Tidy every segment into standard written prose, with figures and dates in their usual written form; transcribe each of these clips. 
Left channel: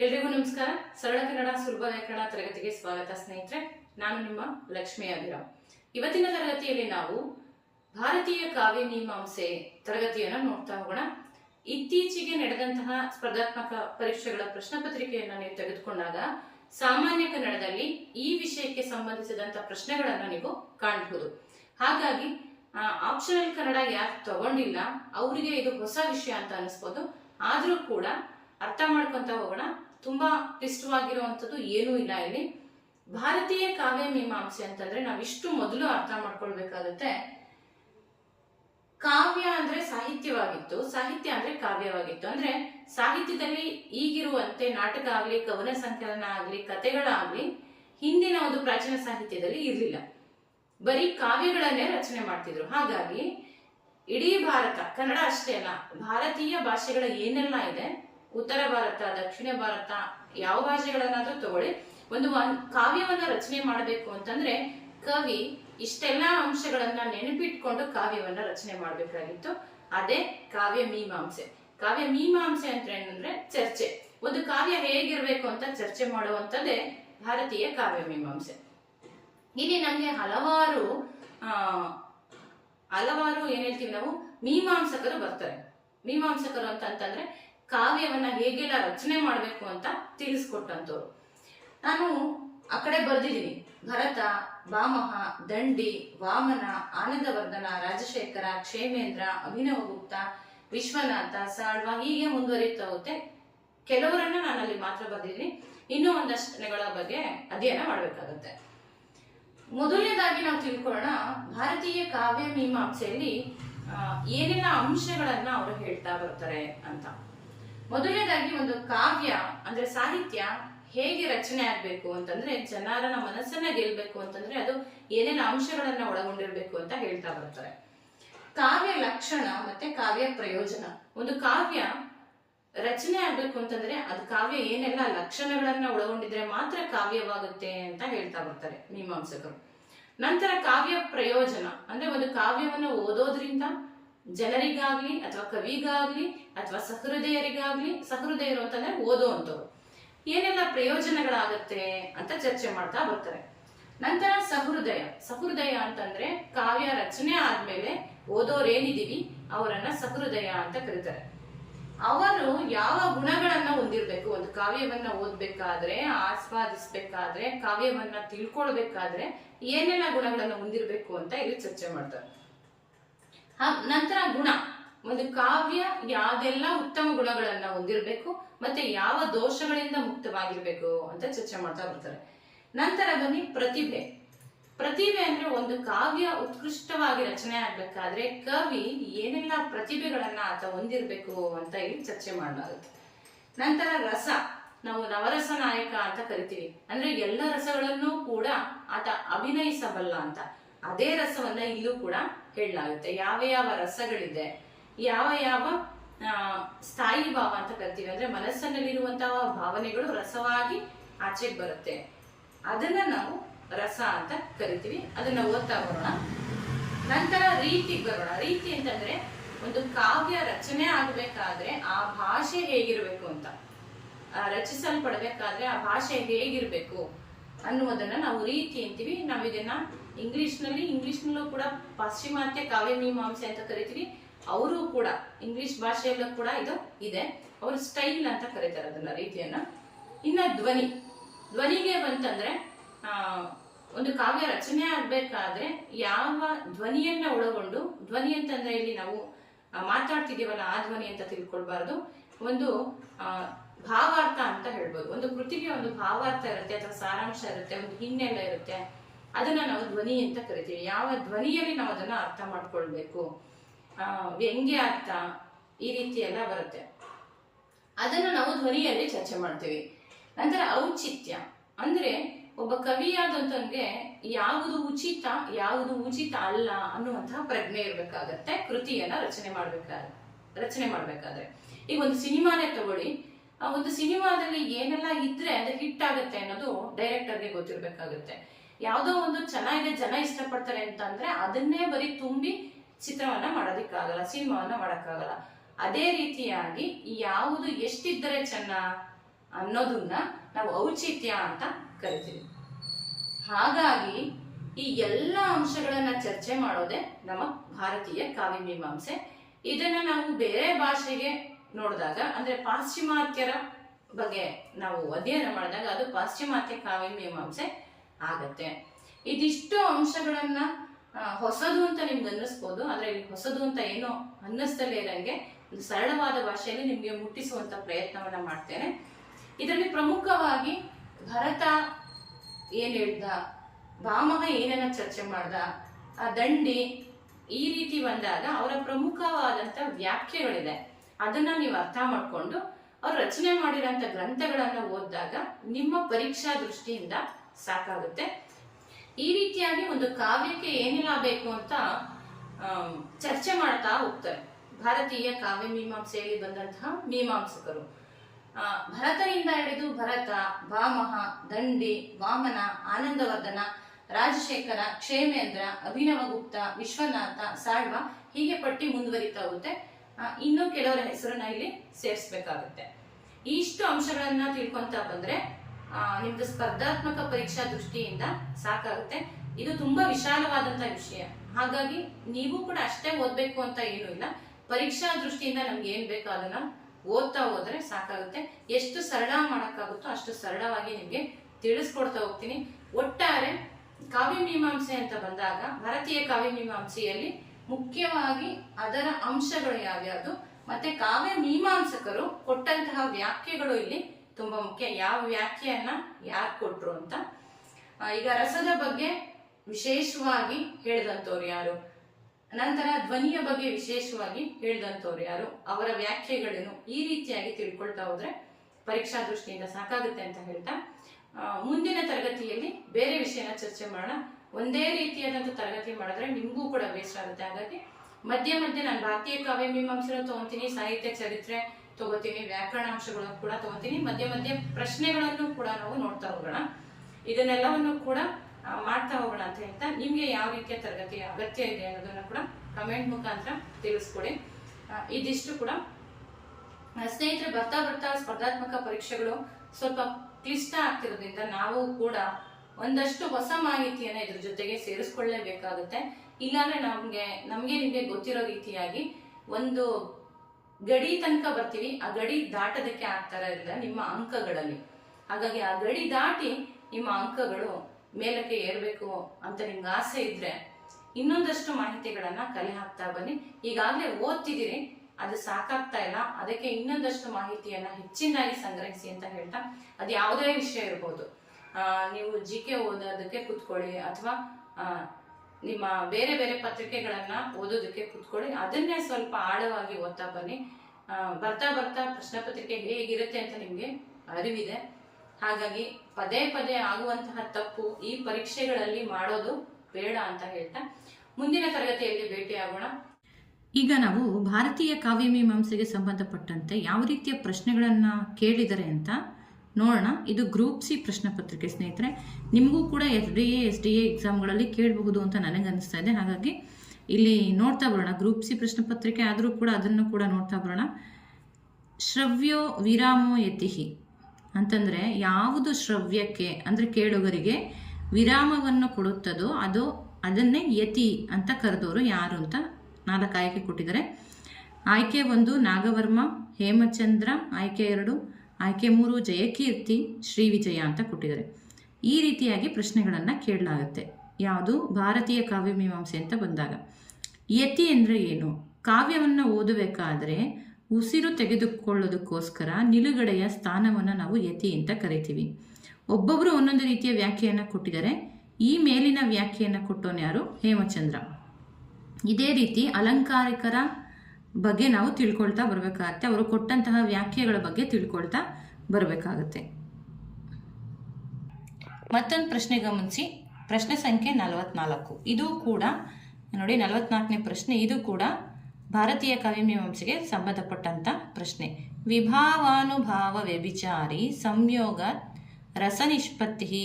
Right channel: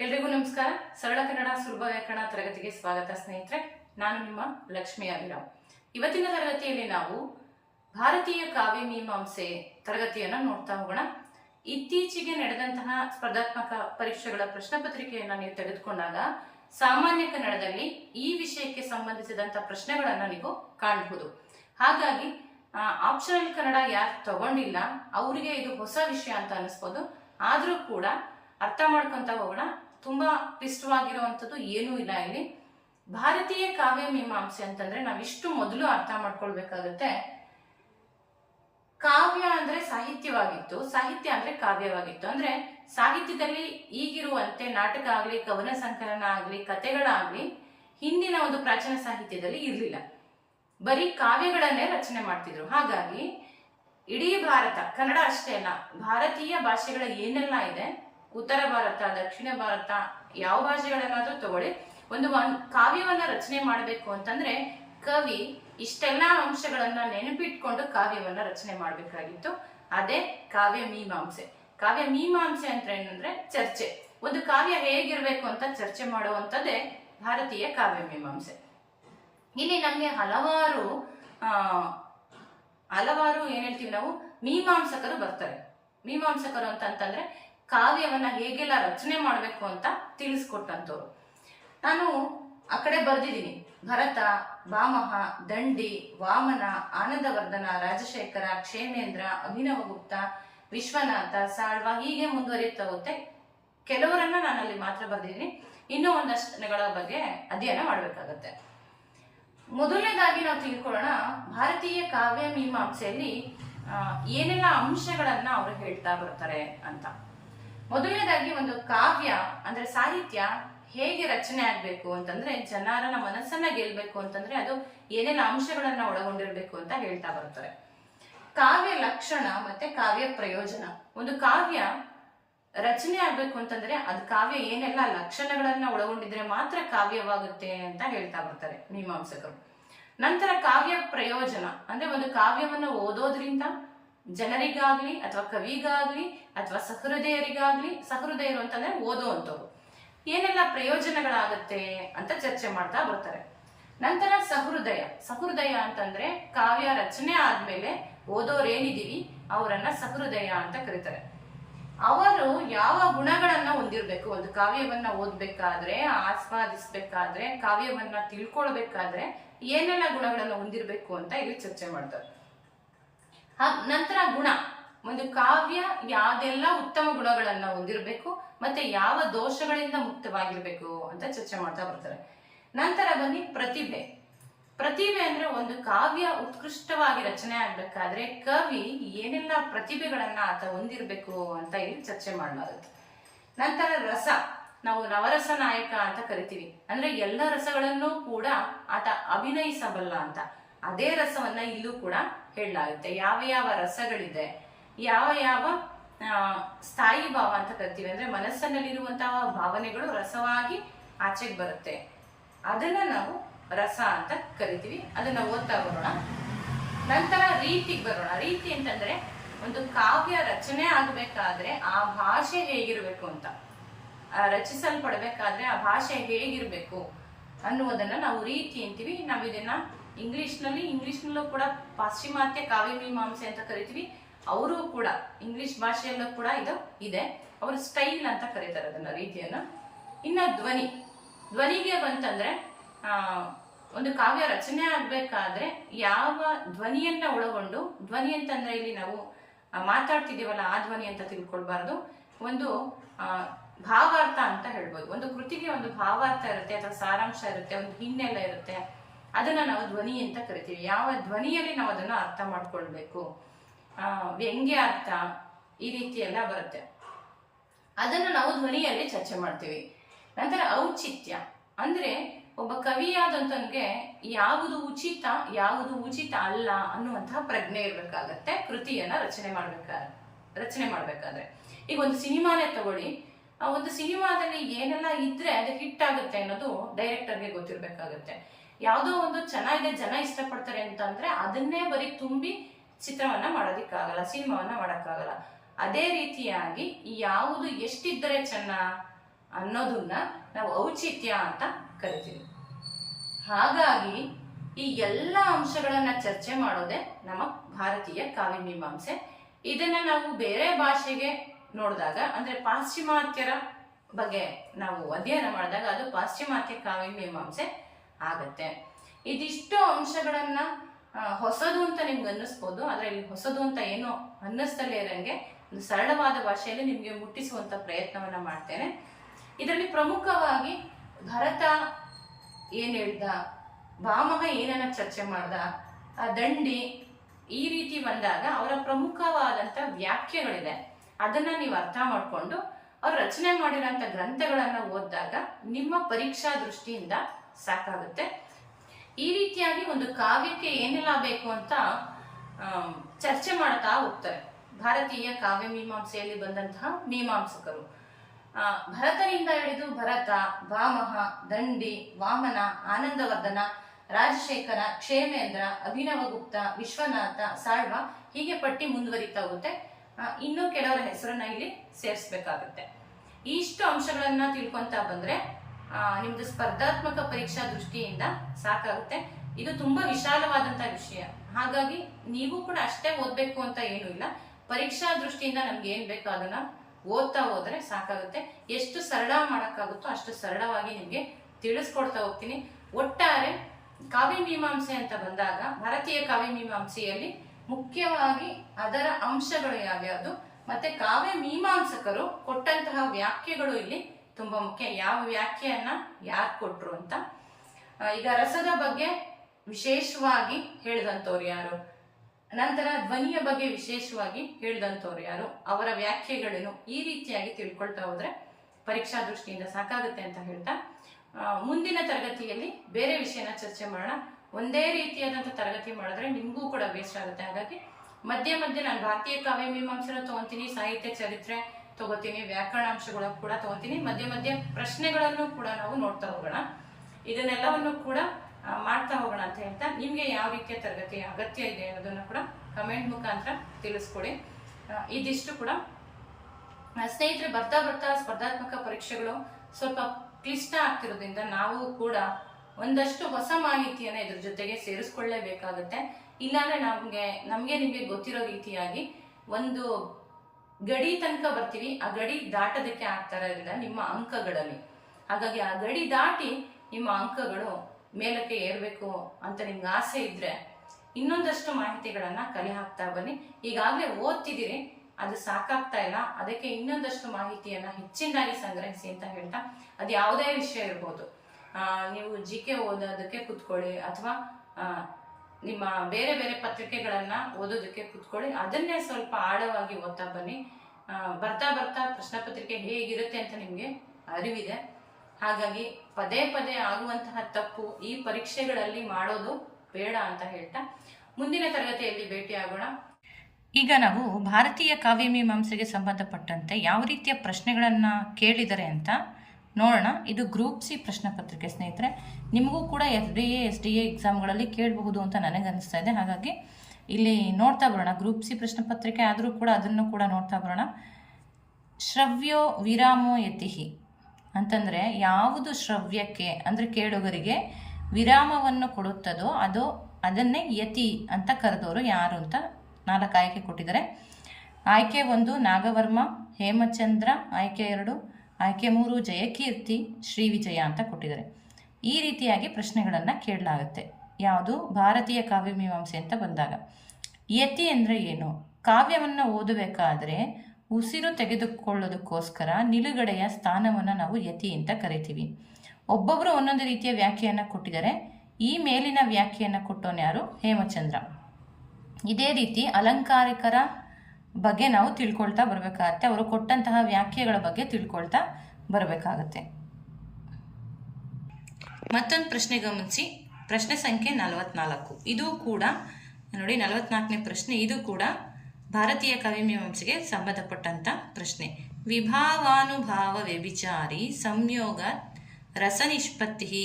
ಎಲ್ರಿಗೂ ನಮಸ್ಕಾರ. ಸರಳ ಕನ್ನಡ ಸುಲಭ ವ್ಯಾಕರಣ ತರಗತಿಗೆ ಸ್ವಾಗತ ಸ್ನೇಹಿತರೆ. ನಾನು ನಿಮ್ಮ ಲಕ್ಷ್ಮೀ ಅಭಿರಾಮ್. ಇವತ್ತಿನ ತರಗತಿಯಲ್ಲಿ ನಾವು ಭಾರತೀಯ ಕಾವ್ಯ ಮೀಮಾಂಸೆ ತರಗತಿಯನ್ನು ನೋಡ್ತಾ ಹೋಗೋಣ. ಇತ್ತೀಚೆಗೆ ನಡೆದಂತಹ ಸ್ಪರ್ಧಾತ್ಮಕ ಪರೀಕ್ಷೆಗಳ ಪ್ರಶ್ನೆ ಪತ್ರಿಕೆಯನ್ನು ನೀವು ತೆಗೆದುಕೊಂಡಾಗ ಸಾಮಾನ್ಯ ಕನ್ನಡದಲ್ಲಿ ಈ ವಿಷಯಕ್ಕೆ ಸಂಬಂಧಿಸಿದಂತಹ ಪ್ರಶ್ನೆಗಳನ್ನು ನೀವು ಕಾಣಬಹುದು. ಹಾಗಾಗಿ ಆಪ್ಷನಲ್ ಕನ್ನಡ ಯಾರು ತಗೊಂಡಿಲ್ಲ ಅವರಿಗೆ ಇದು ಹೊಸ ವಿಷಯ ಅಂತ ಅನಿಸ್ಬೋದು. ಆದ್ರೂ ಕೂಡ ಅರ್ಥ ಮಾಡ್ಕೊಂತ ಹೋಗೋಣ. ತುಂಬಾ ಕ್ಲಿಷ್ಟವಾಗಿರುವಂತದ್ದು ಏನೂ ಇಲ್ಲ ಇಲ್ಲಿ. ಭಾರತೀಯ ಕಾವ್ಯ ಮೀಮಾಂಸೆ ಅಂತಂದ್ರೆ ನಾವಿಷ್ಟು ಮೊದಲು ಅರ್ಥ ಮಾಡ್ಕೊಳ್ಬೇಕಾಗತ್ತೆ. ಕಾವ್ಯ ಅಂದ್ರೆ ಸಾಹಿತ್ಯವಾಗಿತ್ತು, ಸಾಹಿತ್ಯ ಅಂದ್ರೆ ಕಾವ್ಯವಾಗಿತ್ತು. ಅಂದ್ರೆ ಸಾಹಿತ್ಯದಲ್ಲಿ ಈಗಿರುವಂತೆ ನಾಟಕ ಆಗ್ಲಿ, ಕವನ ಸಂಕಲನ ಆಗ್ಲಿ, ಕಥೆಗಳಾಗ್ಲಿ ಹಿಂದಿನ ಒಂದು ಪ್ರಾಚೀನ ಸಾಹಿತ್ಯದಲ್ಲಿ ಇರ್ಲಿಲ್ಲ. ಬರೀ ಕಾವ್ಯಗಳನ್ನೇ ರಚನೆ ಮಾಡ್ತಿದ್ರು. ಹಾಗಾಗಿ ಇಡೀ ಭಾರತ, ಕನ್ನಡ ಅಷ್ಟೇ ಅಲ್ಲ, ಭಾರತೀಯ ಭಾಷೆಗಳ ಏನೆಲ್ಲ ಇದೆ, ಉತ್ತರ ಭಾರತ, ದಕ್ಷಿಣ ಭಾರತ, ಯಾವ ಭಾಷೆಗಳನ್ನಾದ್ರೂ ತಗೊಳ್ಳಿ, ಒಂದು ಕಾವ್ಯವನ್ನ ರಚನೆ ಮಾಡಬೇಕು ಅಂತಂದ್ರೆ ಕವಿ ಇಷ್ಟೆಲ್ಲಾ ಅಂಶಗಳನ್ನ ನೆನಪಿಟ್ಕೊಂಡು ಕಾವ್ಯವನ್ನ ರಚನೆ ಮಾಡಬೇಕಾಗಿತ್ತು. ಅದೇ ಕಾವ್ಯ ಮೀಮಾಂಸೆ. ಕಾವ್ಯ ಮೀಮಾಂಸೆ ಅಂತ ಏನಂದ್ರೆ ಚರ್ಚೆ. ಒಂದು ಕಾವ್ಯ ಹೇಗಿರ್ಬೇಕು ಅಂತ ಚರ್ಚೆ ಮಾಡುವಂತದ್ದೇ ಭಾರತೀಯ ಕಾವ್ಯ ಮೀಮಾಂಸೆ. ಇಲ್ಲಿ ನಮ್ಗೆ ಹಲವಾರು ಏನ್ ಹೇಳ್ತೀವಿ ನಾವು, ಮೀಮಾಂಸಕರು ಬರ್ತಾರೆ. ಮೀಮಾಂಸಕರು ಅಂತಂದ್ರೆ ಕಾವ್ಯವನ್ನ ಹೇಗೆಲ್ಲ ರಚನೆ ಮಾಡ್ಬೇಕು ಅಂತ ತಿಳಿಸ್ಕೊಟ್ಟಂತವ್ರು. ನಾನು ಆ ಕಡೆ ಬರ್ದಿದ್ದೀನಿ. ಭರತ, ಭಾಮಹ, ದಂಡಿ, ವಾಮನ, ಆನಂದವರ್ಧನ, ರಾಜಶೇಖರ, ಕ್ಷೇಮೇಂದ್ರ, ಅಭಿನವಗುಪ್ತ, ವಿಶ್ವನಾಥ, ಸಾಳ್ವ, ಹೀಗೆ ಮುಂದುವರಿತಾ ಹೋಗುತ್ತೆ. ಕೆಲವರನ್ನ ನಾನು ಅಲ್ಲಿ ಮಾತ್ರ ಬರ್ದಿದ್ದೀನಿ. ಇನ್ನೂ ಒಂದಷ್ಟುಗಳ ಬಗ್ಗೆ ಅಧ್ಯಯನ ಮಾಡ್ಬೇಕಾಗತ್ತೆ. ಮೊದಲನೇದಾಗಿ ನಾವು ತಿಳ್ಕೊಳ್ಳೋಣ, ಭಾರತೀಯ ಕಾವ್ಯ ಮೀಮಾಂಸೆಯಲ್ಲಿ ಏನೆಲ್ಲ ಅಂಶಗಳನ್ನ ಅವರು ಹೇಳ್ತಾ ಬರ್ತಾರೆ ಅಂತ. ಮೊದಲನೇದಾಗಿ ಒಂದು ಕಾವ್ಯ ಅಂದ್ರೆ ಸಾಹಿತ್ಯ ಹೇಗೆ ರಚನೆ ಆಗ್ಬೇಕು ಅಂತಂದ್ರೆ, ಜನರ ಮನಸ್ಸನ್ನ ಗೆಲ್ಬೇಕು ಅಂತಂದ್ರೆ ಅದು ಏನೆಲ್ಲ ಅಂಶಗಳನ್ನ ಒಳಗೊಂಡಿರ್ಬೇಕು ಅಂತ ಹೇಳ್ತಾ ಬರ್ತಾರೆ. ಕಾವ್ಯ ಲಕ್ಷಣ ಮತ್ತೆ ಕಾವ್ಯ ಪ್ರಯೋಜನ. ಒಂದು ಕಾವ್ಯ ರಚನೆ ಆಗ್ಬೇಕು ಅಂತಂದ್ರೆ ಅದು ಕಾವ್ಯ ಏನೆಲ್ಲ ಲಕ್ಷಣಗಳನ್ನ ಒಳಗೊಂಡಿದ್ರೆ ಮಾತ್ರ ಕಾವ್ಯವಾಗುತ್ತೆ ಅಂತ ಹೇಳ್ತಾ ಬರ್ತಾರೆ ಮೀಮಾಂಸಕರು. ನಂತರ ಕಾವ್ಯ ಪ್ರಯೋಜನ ಅಂದ್ರೆ ಒಂದು ಕಾವ್ಯವನ್ನ ಓದೋದ್ರಿಂದ ಜನರಿಗಾಗ್ಲಿ ಅಥವಾ ಕವಿಗಾಗ್ಲಿ ಅಥವಾ ಸಹೃದಯರಿಗಾಗ್ಲಿ, ಸಹೃದಯರು ಅಂತಂದ್ರೆ ಓದುವಂತವ್ರು, ಏನೆಲ್ಲ ಪ್ರಯೋಜನಗಳಾಗತ್ತೆ ಅಂತ ಚರ್ಚೆ ಮಾಡ್ತಾ ಬರ್ತಾರೆ. ನಂತರ ಸಹೃದಯ ಅಂತಂದ್ರೆ ಕಾವ್ಯ ರಚನೆ ಆದ್ಮೇಲೆ ಓದೋರೇನಿದೀವಿ ಅವರನ್ನ ಸಹೃದಯ ಅಂತ ಕರೀತಾರೆ. ಅವರು ಯಾವ ಗುಣಗಳನ್ನ ಹೊಂದಿರ್ಬೇಕು, ಒಂದು ಕಾವ್ಯವನ್ನ ಓದ್ಬೇಕಾದ್ರೆ, ಆಸ್ವಾದಿಸ್ಬೇಕಾದ್ರೆ, ಕಾವ್ಯವನ್ನ ತಿಳ್ಕೊಳ್ಬೇಕಾದ್ರೆ ಏನೆಲ್ಲ ಗುಣಗಳನ್ನ ಹೊಂದಿರ್ಬೇಕು ಅಂತ ಇಲ್ಲಿ ಚರ್ಚೆ ಮಾಡ್ತಾರೆ. ನಂತರ ಗುಣ, ಒಂದು ಕಾವ್ಯ ಯಾವ್ದೆಲ್ಲ ಉತ್ತಮ ಗುಣಗಳನ್ನ ಹೊಂದಿರಬೇಕು ಮತ್ತೆ ಯಾವ ದೋಷಗಳಿಂದ ಮುಕ್ತವಾಗಿರ್ಬೇಕು ಅಂತ ಚರ್ಚೆ ಮಾಡ್ತಾ ಬರ್ತಾರೆ. ನಂತರ ಬನ್ನಿ ಪ್ರತಿಭೆ ಅಂದ್ರೆ ಒಂದು ಕಾವ್ಯ ಉತ್ಕೃಷ್ಟವಾಗಿ ರಚನೆ ಆಗ್ಬೇಕಾದ್ರೆ ಕವಿ ಏನೆಲ್ಲ ಪ್ರತಿಭೆಗಳನ್ನ ಆತ ಹೊಂದಿರ್ಬೇಕು ಅಂತ ಇಲ್ಲಿ ಚರ್ಚೆ ಮಾಡಲಾಗುತ್ತೆ. ನಂತರ ರಸ, ನಾವು ನವರಸ ನಾಯಕ ಅಂತ ಕರಿತೀವಿ. ಅಂದ್ರೆ ಎಲ್ಲ ರಸಗಳನ್ನು ಕೂಡ ಆತ ಅಭಿನಯಿಸಬಲ್ಲ ಅಂತ. ಅದೇ ರಸವನ್ನ ಇಲ್ಲೂ ಕೂಡ ಹೇಳಲಾಗುತ್ತೆ. ಯಾವ ಯಾವ ರಸಗಳಿದೆ, ಯಾವ ಸ್ಥಾಯಿ ಭಾವ ಅಂತ ಕರಿತೀವಿ, ಅಂದ್ರೆ ಮನಸ್ಸಿನಲ್ಲಿರುವಂತಹ ಭಾವನೆಗಳು ರಸವಾಗಿ ಆಚೆಗೆ ಬರುತ್ತೆ, ಅದನ್ನ ನಾವು ರಸ ಅಂತ ಕರಿತೀವಿ. ಅದನ್ನ ಓದ್ತಾ ಬರೋಣ. ನಂತರ ರೀತಿಗೆ ಬರೋಣ. ರೀತಿ ಅಂತಂದ್ರೆ ಒಂದು ಕಾವ್ಯ ರಚನೆ ಆಗ್ಬೇಕಾದ್ರೆ ಆ ಭಾಷೆ ಹೇಗಿರ್ಬೇಕು ಅಂತ, ರಚಿಸಲ್ಪಡ್ಬೇಕಾದ್ರೆ ಆ ಭಾಷೆ ಹೇಗಿರ್ಬೇಕು ಅನ್ನುವುದನ್ನ ನಾವು ರೀತಿ ಅಂತೀವಿ. ನಾವು ಇದನ್ನ ಇಂಗ್ಲಿಷ್ನಲ್ಲೂ ಕೂಡ ಪಾಶ್ಚಿಮಾತ್ಯ ಕಾವ್ಯ ಮೀಮಾಂಸೆ ಅಂತ ಕರಿತೀವಿ. ಅವರು ಕೂಡ ಇಂಗ್ಲಿಷ್ ಭಾಷೆಯಲ್ಲೂ ಕೂಡ ಇದು ಇದೆ. ಅವರು ಸ್ಟೈಲ್ ಅಂತ ಕರೀತಾರೆ ಅದನ್ನ, ರೀತಿಯನ್ನ. ಇನ್ನ ಧ್ವನಿಗೆ ಬಂತಂದ್ರೆ ಒಂದು ಕಾವ್ಯ ರಚನೆ ಆಗ್ಬೇಕಾದ್ರೆ ಯಾವ ಧ್ವನಿಯನ್ನ ಒಳಗೊಂಡು, ಧ್ವನಿ ಅಂತಂದ್ರೆ ಇಲ್ಲಿ ನಾವು ಮಾತಾಡ್ತಿದೀವಲ್ಲ ಆ ಧ್ವನಿ ಅಂತ ತಿಳ್ಕೊಳ್ಬಾರ್ದು, ಒಂದು ಭಾವಾರ್ಥ ಅಂತ ಹೇಳ್ಬೋದು. ಒಂದು ಕೃತಿಗೆ ಒಂದು ಭಾವಾರ್ಥ ಇರುತ್ತೆ ಅಥವಾ ಸಾರಾಂಶ ಇರುತ್ತೆ, ಒಂದು ಹಿನ್ನೆಲೆ ಇರುತ್ತೆ, ಅದನ್ನ ನಾವು ಧ್ವನಿ ಅಂತ ಕರಿತೀವಿ. ಯಾವ ಧ್ವನಿಯಲ್ಲಿ ನಾವು ಅದನ್ನ ಅರ್ಥ ಮಾಡ್ಕೊಳ್ಬೇಕು, ವ್ಯಂಗ್ಯ ಅರ್ಥ, ಈ ರೀತಿ ಎಲ್ಲ ಬರುತ್ತೆ. ಅದನ್ನು ನಾವು ಧ್ವನಿಯಲ್ಲಿ ಚರ್ಚೆ ಮಾಡ್ತೀವಿ. ನಂತರ ಔಚಿತ್ಯ ಅಂದ್ರೆ ಒಬ್ಬ ಕವಿಯಾದಂತನ್ಗೆ ಯಾವುದು ಉಚಿತ ಅಲ್ಲ ಅನ್ನುವಂತಹ ಪ್ರಜ್ಞೆ ಇರ್ಬೇಕಾಗತ್ತೆ ಕೃತಿಯನ್ನ ರಚನೆ ಮಾಡ್ಬೇಕಾದ್ರೆ. ಈಗ ಒಂದು ಸಿನಿಮಾನೇ ತಗೊಳ್ಳಿ, ಒಂದು ಸಿನಿಮಾದಲ್ಲಿ ಏನೆಲ್ಲ ಇದ್ರೆ ಅದು ಹಿಟ್ ಆಗುತ್ತೆ ಅನ್ನೋದು ಡೈರೆಕ್ಟರ್ಗೆ ಗೊತ್ತಿರ್ಬೇಕಾಗತ್ತೆ. ಯಾವುದೋ ಒಂದು ಚೆನ್ನಾಗಿದೆ, ಜನ ಇಷ್ಟಪಡ್ತಾರೆ ಅಂತಂದ್ರೆ ಅದನ್ನೇ ಬರೀ ತುಂಬಿ ಚಿತ್ರವನ್ನ ಮಾಡೋದಿಕ್ಕಾಗಲ್ಲ, ಸಿನಿಮಾವನ್ನ ಮಾಡಕ್ಕಾಗಲ್ಲ. ಅದೇ ರೀತಿಯಾಗಿ ಯಾವುದು ಎಷ್ಟಿದ್ದರೆ ಚೆನ್ನ, ಅನ್ನೋದನ್ನ ನಾವು ಔಚಿತ್ಯ ಅಂತ ಕರಿತೀವಿ. ಹಾಗಾಗಿ ಈ ಎಲ್ಲ ಅಂಶಗಳನ್ನ ಚರ್ಚೆ ಮಾಡೋದೇ ನಮ್ಮ ಭಾರತೀಯ ಕಾವ್ಯ ಮೀಮಾಂಸೆ. ಇದನ್ನ ನಾವು ಬೇರೆ ಭಾಷೆಗೆ ನೋಡಿದಾಗ, ಅಂದ್ರೆ ಪಾಶ್ಚಿಮಾತ್ಯರ ಬಗ್ಗೆ ನಾವು ಅಧ್ಯಯನ ಮಾಡಿದಾಗ ಅದು ಪಾಶ್ಚಿಮಾತ್ಯ ಕಾವ್ಯ ಮೀಮಾಂಸೆ ಆಗತ್ತೆ. ಇದಿಷ್ಟು ಅಂಶಗಳನ್ನ ಹೊಸದು ಅಂತ ನಿಮ್ಗೆ ಅನ್ನಿಸ್ಬೋದು, ಆದ್ರೆ ಇಲ್ಲಿ ಹೊಸದು ಅಂತ ಏನೋ ಅನ್ನಿಸ್ತಲೇ ಇರಂಗೆ ಒಂದು ಸರಳವಾದ ಭಾಷೆಯಲ್ಲಿ ನಿಮ್ಗೆ ಮುಟ್ಟಿಸುವಂತ ಪ್ರಯತ್ನವನ್ನ ಮಾಡ್ತೇನೆ. ಇದರಲ್ಲಿ ಪ್ರಮುಖವಾಗಿ ಭರತ ಏನ್ ಹೇಳ್ದ, ಭಾಮಹ ಏನನ್ನ ಚರ್ಚೆ ಮಾಡ್ದ, ದಂಡಿ ಈ ರೀತಿ ಬಂದಾಗ ಅವರ ಪ್ರಮುಖವಾದಂತ ವ್ಯಾಖ್ಯೆಗಳಿದೆ. ಅದನ್ನ ನೀವು ಅರ್ಥ ಮಾಡ್ಕೊಂಡು ಅವ್ರು ರಚನೆ ಮಾಡಿರೋಂಥ ಗ್ರಂಥಗಳನ್ನ ಓದಿದಾಗ ನಿಮ್ಮ ಪರೀಕ್ಷಾ ದೃಷ್ಟಿಯಿಂದ ಸಾಕಾಗುತ್ತೆ. ಈ ರೀತಿಯಾಗಿ ಒಂದು ಕಾವ್ಯಕ್ಕೆ ಏನೆಲ್ಲ ಬೇಕು ಅಂತ ಚರ್ಚೆ ಮಾಡ್ತಾ ಹೋಗ್ತಾರೆ ಭಾರತೀಯ ಕಾವ್ಯ ಮೀಮಾಂಸೆಯಲ್ಲಿ ಬಂದಂತಹ ಮೀಮಾಂಸಕರು. ಭರತನಿಂದ ಹಿಡಿದು ಭರತ, ಭಾಮಹ, ದಂಡಿ, ವಾಮನ, ಆನಂದವರ್ಧನ, ರಾಜಶೇಖರ, ಕ್ಷೇಮೇಂದ್ರ, ಅಭಿನವಗುಪ್ತ, ವಿಶ್ವನಾಥ, ಸಾಳ್ವ, ಹೀಗೆ ಪಟ್ಟಿ ಮುಂದುವರಿತಾ ಹೋಗುತ್ತೆ. ಇನ್ನೂ ಕೆಲವರ ಹೆಸರನ್ನ ಇಲ್ಲಿ ಸೇರಿಸಬೇಕಾಗುತ್ತೆ. ಇಷ್ಟು ಅಂಶಗಳನ್ನ ತಿಳ್ಕೊಂತ ಬಂದ್ರೆ ನಿಮ್ದು ಸ್ಪರ್ಧಾತ್ಮಕ ಪರೀಕ್ಷಾ ದೃಷ್ಟಿಯಿಂದ ಸಾಕಾಗುತ್ತೆ. ಇದು ತುಂಬಾ ವಿಶಾಲವಾದಂತ ವಿಷಯ, ಹಾಗಾಗಿ ನೀವು ಕೂಡ ಅಷ್ಟೇ ಓದ್ಬೇಕು ಅಂತ ಏನೂ ಇಲ್ಲ. ಪರೀಕ್ಷಾ ದೃಷ್ಟಿಯಿಂದ ನಮ್ಗೆ ಏನ್ ಬೇಕೋ ಅದನ್ನ ಓದ್ತಾ ಹೋದ್ರೆ ಸಾಕಾಗುತ್ತೆ. ಎಷ್ಟು ಸರಳ ಮಾಡಕ್ಕಾಗುತ್ತೋ ಅಷ್ಟು ಸರಳವಾಗಿ ನಿಮ್ಗೆ ತಿಳಿಸ್ಕೊಡ್ತಾ ಹೋಗ್ತೀನಿ. ಒಟ್ಟಾರೆ ಕಾವ್ಯ ಮೀಮಾಂಸೆ ಅಂತ ಬಂದಾಗ ಭಾರತೀಯ ಕಾವ್ಯ ಮೀಮಾಂಸೆಯಲ್ಲಿ ಮುಖ್ಯವಾಗಿ ಅದರ ಅಂಶಗಳು ಯಾವ್ಯಾವುದು, ಮತ್ತೆ ಕಾವ್ಯ ಮೀಮಾಂಸಕರು ಕೊಟ್ಟಂತಹ ವ್ಯಾಖ್ಯೆಗಳು ಇಲ್ಲಿ ತುಂಬಾ ಮುಖ್ಯ. ಯಾವ ವ್ಯಾಖ್ಯೆಯನ್ನ ಯಾರು ಕೊಟ್ರು ಅಂತ. ಈಗ ರಸದ ಬಗ್ಗೆ ವಿಶೇಷವಾಗಿ ಹೇಳಿದಂಥವ್ರು ಯಾರು, ನಂತರ ಧ್ವನಿಯ ಬಗ್ಗೆ ವಿಶೇಷವಾಗಿ ಹೇಳಿದಂಥವ್ರು ಯಾರು, ಅವರ ವ್ಯಾಖ್ಯೆಗಳೇನು, ಈ ರೀತಿಯಾಗಿ ತಿಳ್ಕೊಳ್ತಾ ಹೋದ್ರೆ ಪರೀಕ್ಷಾ ದೃಷ್ಟಿಯಿಂದ ಸಾಕಾಗುತ್ತೆ ಅಂತ ಹೇಳ್ತಾ ಮುಂದಿನ ತರಗತಿಯಲ್ಲಿ ಬೇರೆ ವಿಷಯನ ಚರ್ಚೆ ಮಾಡೋಣ. ಒಂದೇ ರೀತಿಯಾದಂಥ ತರಗತಿ ಮಾಡಿದ್ರೆ ನಿಮಗೂ ಕೂಡ ಬೇಸರ ಆಗುತ್ತೆ. ಹಾಗಾಗಿ ಮಧ್ಯೆ ಮಧ್ಯೆ ನಾನು ಭಾರತೀಯ ಕಾವ್ಯ ಮೀಮಾಂಸೆನ ತಗೊಂತೀನಿ, ಸಾಹಿತ್ಯ ಚರಿತ್ರೆ ತಗೋತೀನಿ, ವ್ಯಾಕರಣಾಂಶಗಳು ಕೂಡ ತಗೋತೀನಿ, ಮಧ್ಯೆ ಪ್ರಶ್ನೆಗಳನ್ನು ಕೂಡ ನಾವು ನೋಡ್ತಾ ಹೋಗೋಣ. ಇದನ್ನೆಲ್ಲವನ್ನು ಕೂಡ ಮಾಡ್ತಾ ಹೋಗೋಣ ಅಂತ ಹೇಳ್ತಾ ನಿಮ್ಗೆ ಯಾವ ರೀತಿಯ ತರಗತಿ ಅಗತ್ಯ ಇದೆ ಅನ್ನೋದನ್ನ ಕೂಡ ಕಮೆಂಟ್ ಮುಖಾಂತರ ತಿಳಿಸ್ಕೊಡಿ. ಇದಿಷ್ಟು ಕೂಡ ಸ್ನೇಹಿತರೆ, ಬರ್ತಾ ಬರ್ತಾ ಸ್ಪರ್ಧಾತ್ಮಕ ಪರೀಕ್ಷೆಗಳು ಸ್ವಲ್ಪ ಕ್ಲಿಷ್ಟ ಆಗ್ತಿರೋದ್ರಿಂದ ನಾವು ಕೂಡ ಒಂದಷ್ಟು ಹೊಸ ಮಾಹಿತಿಯನ್ನ ಇದ್ರ ಜೊತೆಗೆ ಸೇರಿಸ್ಕೊಳ್ಳೇಬೇಕಾಗುತ್ತೆ. ಇಲ್ಲಾಂದ್ರೆ ನಮ್ಗೆ ನಿಮ್ಗೆ ಗೊತ್ತಿರೋ ರೀತಿಯಾಗಿ ಒಂದು ಗಡಿ ತನಕ ಬರ್ತೀವಿ, ಆ ಗಡಿ ದಾಟೋದಕ್ಕೆ ಆಗ್ತಾ ಇರೋದಿಲ್ಲ ನಿಮ್ಮ ಅಂಕಗಳಲ್ಲಿ. ಹಾಗಾಗಿ ಆ ಗಡಿ ದಾಟಿ ನಿಮ್ಮ ಅಂಕಗಳು ಮೇಲಕ್ಕೆ ಏರ್ಬೇಕು ಅಂತ ನಿಮ್ಗೆ ಆಸೆ ಇದ್ರೆ ಇನ್ನೊಂದಷ್ಟು ಮಾಹಿತಿಗಳನ್ನ ಕಲೆ ಹಾಕ್ತಾ ಬನ್ನಿ. ಈಗಾಗಲೇ ಓದ್ತಿದ್ದೀರಿ, ಅದು ಸಾಕಾಗ್ತಾ ಇಲ್ಲ, ಅದಕ್ಕೆ ಇನ್ನೊಂದಷ್ಟು ಮಾಹಿತಿಯನ್ನ ಹೆಚ್ಚಿನದಾಗಿ ಸಂಗ್ರಹಿಸಿ ಅಂತ ಹೇಳ್ತಾ, ಅದು ಯಾವುದೇ ವಿಷಯ ಇರ್ಬೋದು, ನೀವು GK ಓದೋದಕ್ಕೆ ಕೂತ್ಕೊಳ್ಳಿ ಅಥವಾ ನಿಮ್ಮ ಬೇರೆ ಬೇರೆ ಪತ್ರಿಕೆಗಳನ್ನ ಓದೋದಕ್ಕೆ ಕೂತ್ಕೊಳ್ಳಿ, ಅದನ್ನೇ ಸ್ವಲ್ಪ ಆಳವಾಗಿ ಓದ್ತಾ ಬನ್ನಿ. ಬರ್ತಾ ಬರ್ತಾ ಪ್ರಶ್ನೆ ಪತ್ರಿಕೆ ಹೇಗಿರುತ್ತೆ ಅಂತ ನಿಮ್ಗೆ ಅರಿವಿದೆ. ಹಾಗಾಗಿ ಪದೇ ಪದೇ ಆಗುವಂತಹ ತಪ್ಪು ಈ ಪರೀಕ್ಷೆಗಳಲ್ಲಿ ಮಾಡೋದು ಬೇಡ ಅಂತ ಹೇಳ್ತಾ ಮುಂದಿನ ತರಗತಿಯಲ್ಲಿ ಭೇಟಿಯಾಗೋಣ. ಈಗ ನಾವು ಭಾರತೀಯ ಕಾವ್ಯ ಮೀಮಾಂಸೆಗೆ ಸಂಬಂಧಪಟ್ಟಂತೆ ಯಾವ ರೀತಿಯ ಪ್ರಶ್ನೆಗಳನ್ನ ಕೇಳಿದರೆ ಅಂತ ನೋಡೋಣ. ಇದು ಗ್ರೂಪ್ ಸಿ ಪ್ರಶ್ನೆ ಪತ್ರಿಕೆ ಸ್ನೇಹಿತರೆ. ನಿಮಗೂ ಕೂಡ SDA ಎಕ್ಸಾಮ್ಗಳಲ್ಲಿ ಕೇಳಬಹುದು ಅಂತ ನನಗೆ ಅನಿಸ್ತಾ ಇದೆ. ಹಾಗಾಗಿ ಇಲ್ಲಿ ನೋಡ್ತಾ ಬರೋಣ. ಗ್ರೂಪ್ ಸಿ ಪ್ರಶ್ನೆ ಪತ್ರಿಕೆ ಆದರೂ ಕೂಡ ಅದನ್ನು ಕೂಡ ನೋಡ್ತಾ ಬರೋಣ. ಶ್ರವ್ಯೋ ವಿರಾಮೋ ಯತಿಹಿ ಅಂತಂದರೆ ಯಾವುದು ಶ್ರವ್ಯಕ್ಕೆ ಅಂದರೆ ಕೇಳುಗರಿಗೆ ವಿರಾಮವನ್ನು ಕೊಡುತ್ತದೋ ಅದನ್ನೇ ಯತಿ ಅಂತ ಕರೆದವರು ಯಾರು ಅಂತ 4 ಆಯ್ಕೆ ಕೊಟ್ಟಿದ್ದಾರೆ. ಆಯ್ಕೆ 1 ನಾಗವರ್ಮ, ಹೇಮಚಂದ್ರ, ಆಯ್ಕೆ 2, ಆಯ್ಕೆ 3 ಜಯಕೀರ್ತಿ, ಶ್ರೀವಿಜಯ ಅಂತ ಕೊಟ್ಟಿದ್ದಾರೆ. ಈ ರೀತಿಯಾಗಿ ಪ್ರಶ್ನೆಗಳನ್ನು ಕೇಳಲಾಗುತ್ತೆ ಯಾವುದು ಭಾರತೀಯ ಕಾವ್ಯ ಮೀಮಾಂಸೆ ಅಂತ ಬಂದಾಗ. ಯತಿ ಅಂದರೆ ಏನು? ಕಾವ್ಯವನ್ನು ಓದಬೇಕಾದ್ರೆ ಉಸಿರು ತೆಗೆದುಕೊಳ್ಳೋದಕ್ಕೋಸ್ಕರ ನಿಲುಗಡೆಯ ಸ್ಥಾನವನ್ನು ನಾವು ಯತಿ ಅಂತ ಕರಿತೀವಿ. ಒಬ್ಬೊಬ್ಬರು ಒಂದೊಂದು ರೀತಿಯ ವ್ಯಾಖ್ಯೆಯನ್ನು ಕೊಟ್ಟಿದ್ದಾರೆ. ಈ ಮೇಲಿನ ವ್ಯಾಖ್ಯೆಯನ್ನು ಕೊಟ್ಟೋನು ಯಾರು? ಹೇಮಚಂದ್ರ. ಇದೇ ರೀತಿ ಅಲಂಕಾರಿಕರ ಬಗ್ಗೆ ನಾವು ತಿಳ್ಕೊಳ್ತಾ ಬರಬೇಕಾಗತ್ತೆ. ಅವರು ಕೊಟ್ಟಂತಹ ವ್ಯಾಖ್ಯೆಗಳ ಬಗ್ಗೆ ತಿಳ್ಕೊಳ್ತಾ ಬರಬೇಕಾಗತ್ತೆ. ಮತ್ತೊಂದು ಪ್ರಶ್ನೆ ಗಮನಿಸಿ, ಪ್ರಶ್ನೆ ಸಂಖ್ಯೆ 44. ಇದು ಕೂಡ ನೋಡಿ 44ನೇ ಪ್ರಶ್ನೆ. ಇದು ಕೂಡ ಭಾರತೀಯ ಕಾವ್ಯ ಮೀಮಾಂಸೆಗೆ ಸಂಬಂಧಪಟ್ಟಂಥ ಪ್ರಶ್ನೆ. ವಿಭಾವಾನುಭಾವ ವ್ಯಭಿಚಾರಿ ಸಂಯೋಗ ರಸನಿಷ್ಪತ್ತಿ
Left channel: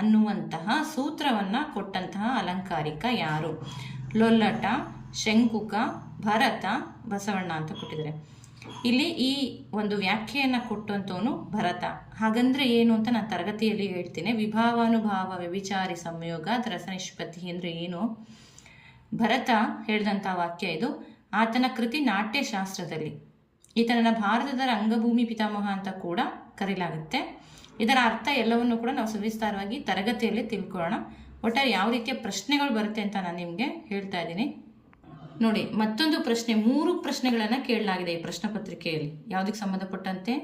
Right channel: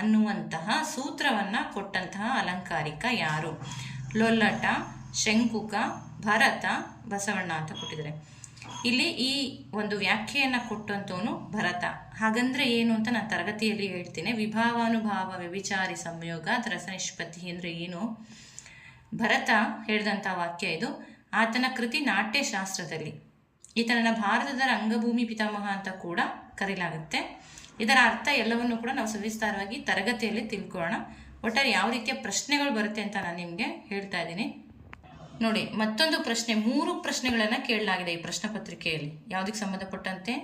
ಅನ್ನುವಂತಹ ಸೂತ್ರವನ್ನು ಕೊಟ್ಟಂತಹ ಅಲಂಕಾರಿಕ ಯಾರು? ಲೊಲ್ಲಟ, ಶಂಕುಕ, ಭರತ, ಬಸವಣ್ಣ ಅಂತ ಕೊಟ್ಟಿದ್ದಾರೆ. ಇಲ್ಲಿ ಈ ಒಂದು ವ್ಯಾಖ್ಯೆಯನ್ನು ಕೊಟ್ಟಂತವನು ಭರತ. ಹಾಗಂದ್ರೆ ಏನು ಅಂತ ನಾನು ತರಗತಿಯಲ್ಲಿ ಹೇಳ್ತೀನಿ. ವಿಭಾವಾನುಭಾವ ವ್ಯಭಿಚಾರಿ ಸಂಯೋಗ ರಸನಿಷ್ಪತ್ತಿ ಅಂದರೆ ಏನು? ಭರತ ಹೇಳಿದಂಥ ವಾಕ್ಯ ಇದು. ಆತನ ಕೃತಿ ನಾಟ್ಯಶಾಸ್ತ್ರದಲ್ಲಿ. ಈತನನ್ನ ಭಾರತದ ರಂಗಭೂಮಿ ಪಿತಾಮಹ ಅಂತ ಕೂಡ ಕರೆಯಲಾಗುತ್ತೆ. ಇದರ ಅರ್ಥ ಎಲ್ಲವನ್ನು ಕೂಡ ನಾವು ಸವಿಸ್ತಾರವಾಗಿ ತರಗತಿಯಲ್ಲಿ ತಿಳ್ಕೊಳ್ಳೋಣ. ಒಟ್ಟಾರೆ ಯಾವ ರೀತಿಯ ಪ್ರಶ್ನೆಗಳು ಬರುತ್ತೆ ಅಂತ ನಾನು ನಿಮಗೆ ಹೇಳ್ತಾ ಇದ್ದೀನಿ ನೋಡಿ. ಮತ್ತೊಂದು ಪ್ರಶ್ನೆ, 3 ಪ್ರಶ್ನೆಗಳನ್ನು ಕೇಳಲಾಗಿದೆ ಈ ಪ್ರಶ್ನೆ ಪತ್ರಿಕೆಯಲ್ಲಿ. ಯಾವುದಕ್ಕೆ ಸಂಬಂಧಪಟ್ಟಂತೆ?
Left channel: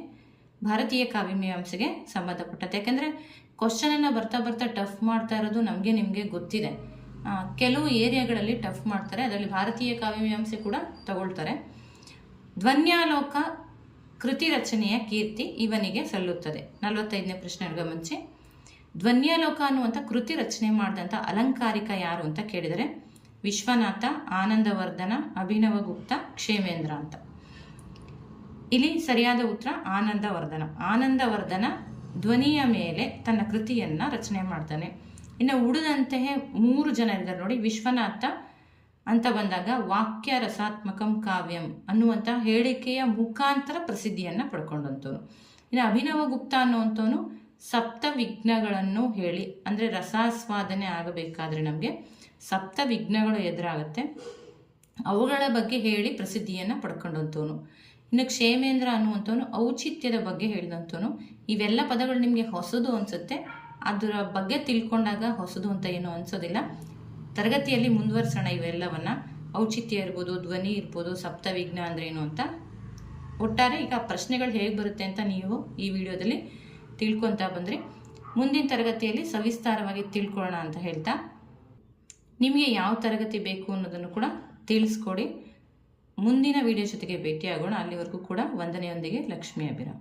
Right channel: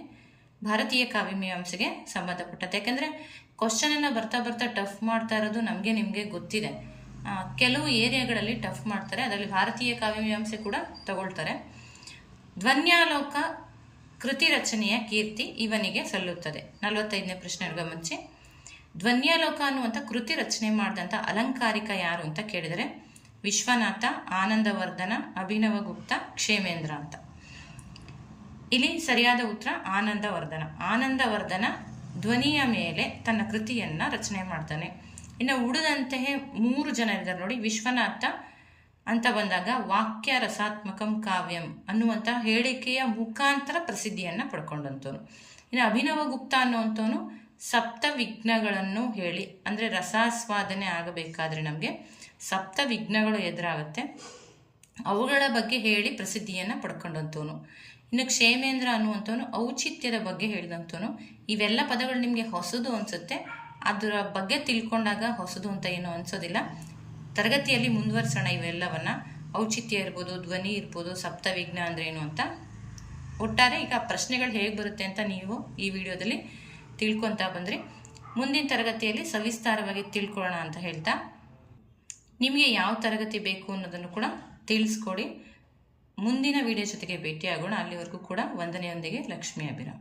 ಭಾರತೀಯ ಕಾವ್ಯಮೀಮಾಂಸೆಗೆ ಸಂಬಂಧಪಟ್ಟಂತೆ. ಯಾಕೆಂದರೆ ಕ್ವಶನನ್ನು ಬರ್ತಾ ಬರ್ತಾ ಟಫ್ ಮಾಡ್ತಾ ಇರೋದು ನಮಗೆ ನಿಮಗೆ ಗೊತ್ತಿದೆ. ಕೆಲವು ಏರಿಯಾಗಳಲ್ಲಿ ಟಫ್ ಮಾಡ್ತಾರೆ, ಅದರಲ್ಲಿ ಭಾರತೀಯ ಕಾವ್ಯಮೀಮಾಂಸೆ ಕೂಡ ತಗೊಳ್ತಾರೆ. ಧ್ವನ್ಯಾಲೋಕ ಕೃತಿ ರಚನೆಯ ಕೀರ್ತಿ ಇವನಿಗೆ ಸಲ್ಲುತ್ತದೆ. 45ನೇ ಪ್ರಶ್ನೆ ಗಮನಿಸಿ. ಧ್ವನ್ಯಾಲೋಕ ಅನ್ನುವಂಥ ಕೃತಿ ರಚನೆ ಮಾಡಿದಂಥ ಅಲಂಕಾರಿಕ ಯಾರು ಅಂತ ಕೇಳಿದರೆ ವಿಶ್ವನಾಥ, ಆನಂದವರ್ಧನ, ಅಭಿನವಗುಪ್ತ, ಕ್ಷೇಮೇಂದ್ರ ಅಂತ. ಇಲ್ಲಿ ಸರಿಯಾದ ಉತ್ತರ ಆನಂದವರ್ಧನ. ಆನಂದವರ್ಧನ ಧ್ವನಿಯ ಮೇಲೆ ತನ್ನ ಕೃತಿಯನ್ನು ರಚನೆ ಮಾಡ್ತಾನೆ. ಇನ್ನು ಉಳಿದಂತಹ 3 ಜನ ಇದ್ದಾರೆ ನೋಡಿ. ವಿಶ್ವನಾಥ ಅಂತ ಬಂದಾಗ ವಾಕ್ಯ ರಸಾತ್ಮಕಂ ಕಾವ್ಯಂ ಅನ್ನುವಂಥ ಹೇಳಿಕೆಯ ಮುಖಾಂತರ ಪ್ರಸಿದ್ಧಿಯನ್ನು ಪಡ್ಕೊಂಡಂಥವನು. ಇನ್ನು ಅಭಿನವಗುಪ್ತ ಅನ್ನುವಂಥವನು ಸಪ್ತ ವಿಘ್ನಗಳನ್ನು ಹೇಳಿ, ಅಂದರೆ ರಸಾಸ್ವಾದನೆ ಆಗಬೇಕಾದ್ರೆ ನಮಗೆ ಸಪ್ತ ವಿಘ್ನಗಳು ಎದುರಾಗುತ್ತೆ, ಅವುಗಳ ಬಗ್ಗೆ ಹೇಳಿ ಪ್ರಸಿದ್ಧಿಯನ್ನು ಪಡ್ಕೊಂಡಂಥವನು. ಇನ್ನು ಕ್ಷೇಮೇಂದ್ರ ಅನ್ನುವಂಥವನು ಔಚಿತ್ಯದ ಬಗ್ಗೆ ಹೇಳಿದಂಥವನು. ಇವೆಲ್ಲ ಪದಗಳು ನಿಮಗೆ ಹೊಸದು ಅನಿಸುತ್ತೆ, ಅದರ ಬಗ್ಗೆ ತಿಳ್ಕೊಂಡಾಗ ಹೊಸದು ಅಂತ ಏನೂ ಅನಿಸೋದಿಲ್ಲ. ತರಗತಿಯಲ್ಲಿ ಮುಂದುವರಿಸೋಣ ಇವೆಲ್ಲವನ್ನು. ಔಚಿತ್ಯ ಇರ್ಬೋದು, ಧ್ವನಿ ಇರ್ಬೋದು, ಸಪ್ತವಿಘ್ನ ಅಂದರೆ ಏನು ಅಂತ. ಒಟ್ಟಾರೆ ಈಗ ಪ್ರಶ್ನೆಗಳು ಹೇಗೆ ಬರುತ್ತೆ ಅಂತ ನೀವು ಈ ವಿಡಿಯೋದಲ್ಲಿ ತಿಳ್ಕೊತಾ ಬಂದ್ರಿ. ಮುಂದಿನ ತರಗತಿಯಲ್ಲಿ ಸವಿಸ್ತಾರವಾಗಿ ತಿಳ್ಕೊಳ್ಳೋಣ ಅಂತ ಹೇಳ್ತಾ, ನಿಮಗೆ ಯಾವ ತರಗತಿ ಬೇಕು ಅನ್ನೋದನ್ನು ಕೂಡ ತಿಳಿಸ್ಕೊಡಿ. ಮುಂದಿನ ವಿಡಿಯೋ ಜೊತೆಗೆ ಭೇಟಿಯಾಗೋಣ. ಅಲ್ಲಿವರೆಗೂ ಕೂಡ ವಂದನೆಯೊಂದಿಗೆ ಲಕ್ಷ್ಮೀ ಅಭಿರಾಮ್.